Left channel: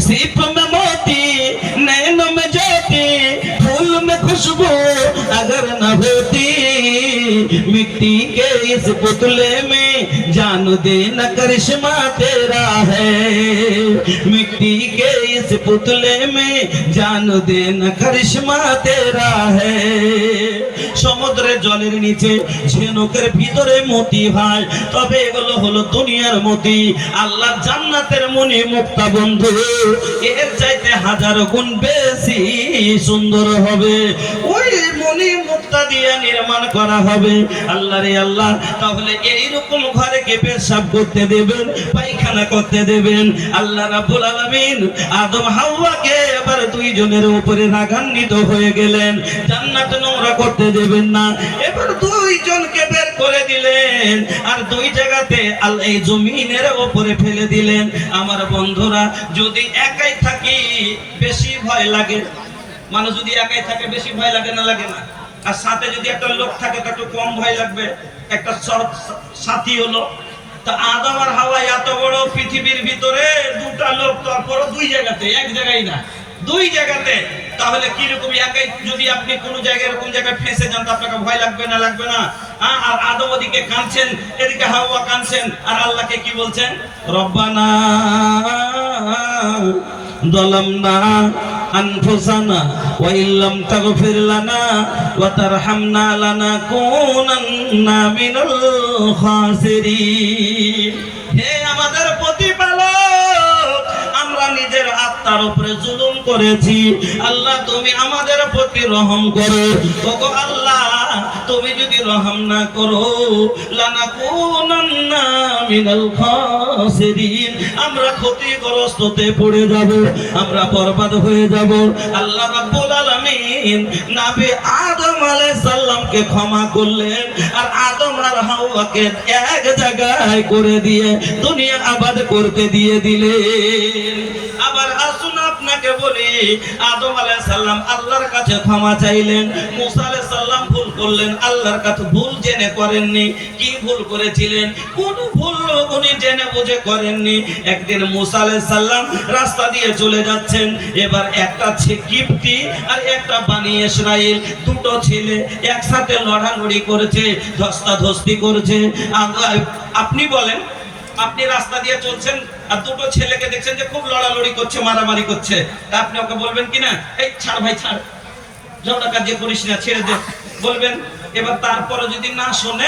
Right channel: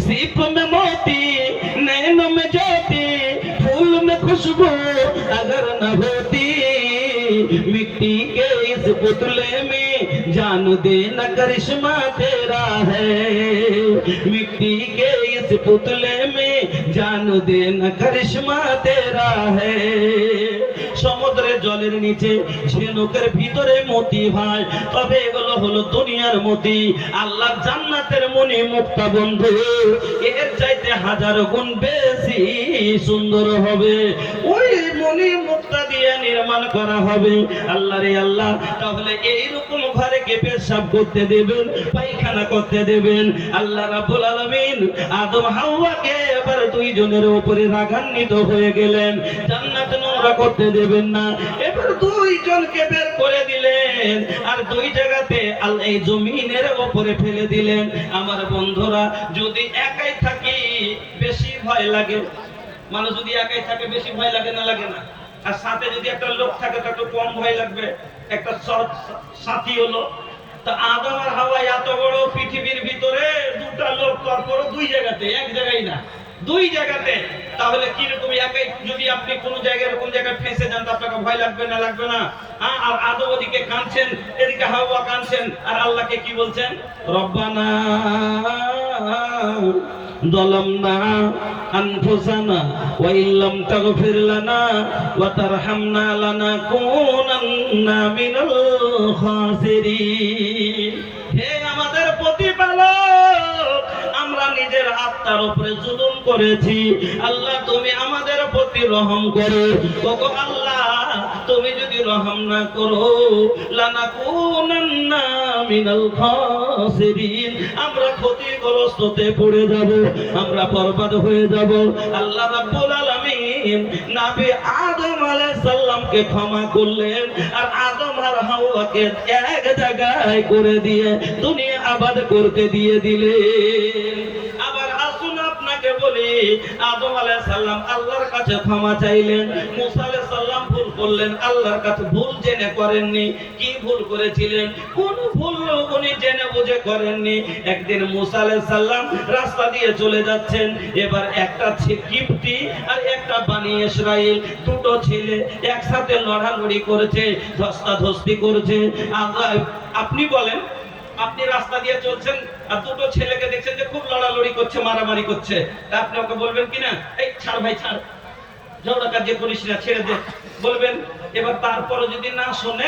सीप में मोती, नैनों में ज्योति, फूल में खुशबू अगर न होती, मिट्टी के इस पुतले में जान देना करिश्मा तेरा है। मिट्टी के इस पुतले में जान देना करिश्मा तेरा है। সমুদ্রের জলের নিচে ঝিনুকের ভিতরে মতি হয়, তবে এগুলো হলো দুনিয়ার মতি। আল্লাহর জান্নাতের মনি মুক্তা বন্ধু এর চাইতে হাজার গুণ বেশি সুন্দর হবে। ওই মনি মুক্তা দিয়ে নির্মাণ করা হবে। আল্লাহ রে আল্লাহ, তাহলে এইরকম ঘরে কে পেশাব করতে দেবেন, পায়খানা করতে দেবেন? আল্লাহ রাব্বুল আলামিন আদম হাওয়াকে এবার দুইজনের উপরে রাগান্বিত হয়ে গেলেন। জান্নাত নোংরা করতে দেবেন না, এবার দুইজনকে বের করে দিলেন আর দুই জায়গাতে আল্লাহ এই জমিনের উপরে ফেলে দিলেন। আমার বন্ধুরা, যদি একাই থাকি বেশি ভয় লাগে। মানুষ যদি একাই থাকে বেশি ভয় লাগে না? লাগে না? আর সাথে যদি একটা লোক থাকে তো একটু কম ভয় লাগবে। একটা সাথী হলো তো আদম আর হাওয়া এত বড় পৃথিবীর ভিতরে দুটা লোক, তারপর দুই জায়গাতে, এক জায়গায় না, দুই জায়গাতে। তাহলে কি রকম একাই যদি আপনি কোন জায়গায় এরকম জায়গায় ফেঁসে যান তো আপনাকে ভয় লাগবে না? লাগবে না? আর আদম ওদিকে কাঁদছেন, এদিকে হাওয়া কাঁদছেন, আর আল্লাহকে কি বলছেন? রব্বানা যালামনা আনফুসানা ওয়া ইল্লাম তাগফির লানা ওয়া তারহামনা লানাকুনান্না মিনাল খাসিরিন। হে আমাদের প্রতিপালক, আমরা নিজের আত্মার উপরে জুলুম করেছি। আল্লাহ তুমি আমাদের প্রতি রহম করো। ওগো আল্লাহ, তুমি যদি রহম না করো, লানাকুনান্না মিনাল খাসিরিন, আমরা ক্ষতিগ্রস্ততে পড়ে যাব, আমরা বরবাদ হয়ে যাব। আল্লাহ রাব্বুল আলামিন নবী আদম আলাইহিস সালামকে ক্ষমা করলেন আর আদম আর হাওয়াকে এক জায়গায় করে দিয়ে দুনিয়া আবাদ করতে দিয়ে দিলেন। আবার আসুন আপনাকে বলি, আদম আলাইহিস সালাম আল্লাহর কাছে ক্ষমা চাইলেন, মুসা আলাইহিস সালাম ভুল করলেন, আল্লাহর কাছে ভুল জেনে করেননি। কি ভুল করেছিলেন? কোন ভুল উনি জেনে বুঝে করেননি। একদিন মুসা আলাইহিস সালাম রাস্তা দিয়ে চলে যাচ্ছেন, এবার একটা কিপ্তি আর একটা বানি ইসরাইল, দুটো ছেলে একসাথে লড়ালড়ি করেছে, ধস্তাধস্তি করেছে। আপনি বলেন, আপনি রাস্তা দিয়ে চলছেন আর দুটো ছেলেকে দেখছেন যে খুব লড়ালড়ি করছে, মারামারি করছে, তা আপনি ওকে বলবেন কিনা, এই ছাড় ভাই ছাড়, ঝগড়া কাজ করিস না, ছেড়ে দে, বলবেন? এবার তারপরে যদি না শোনে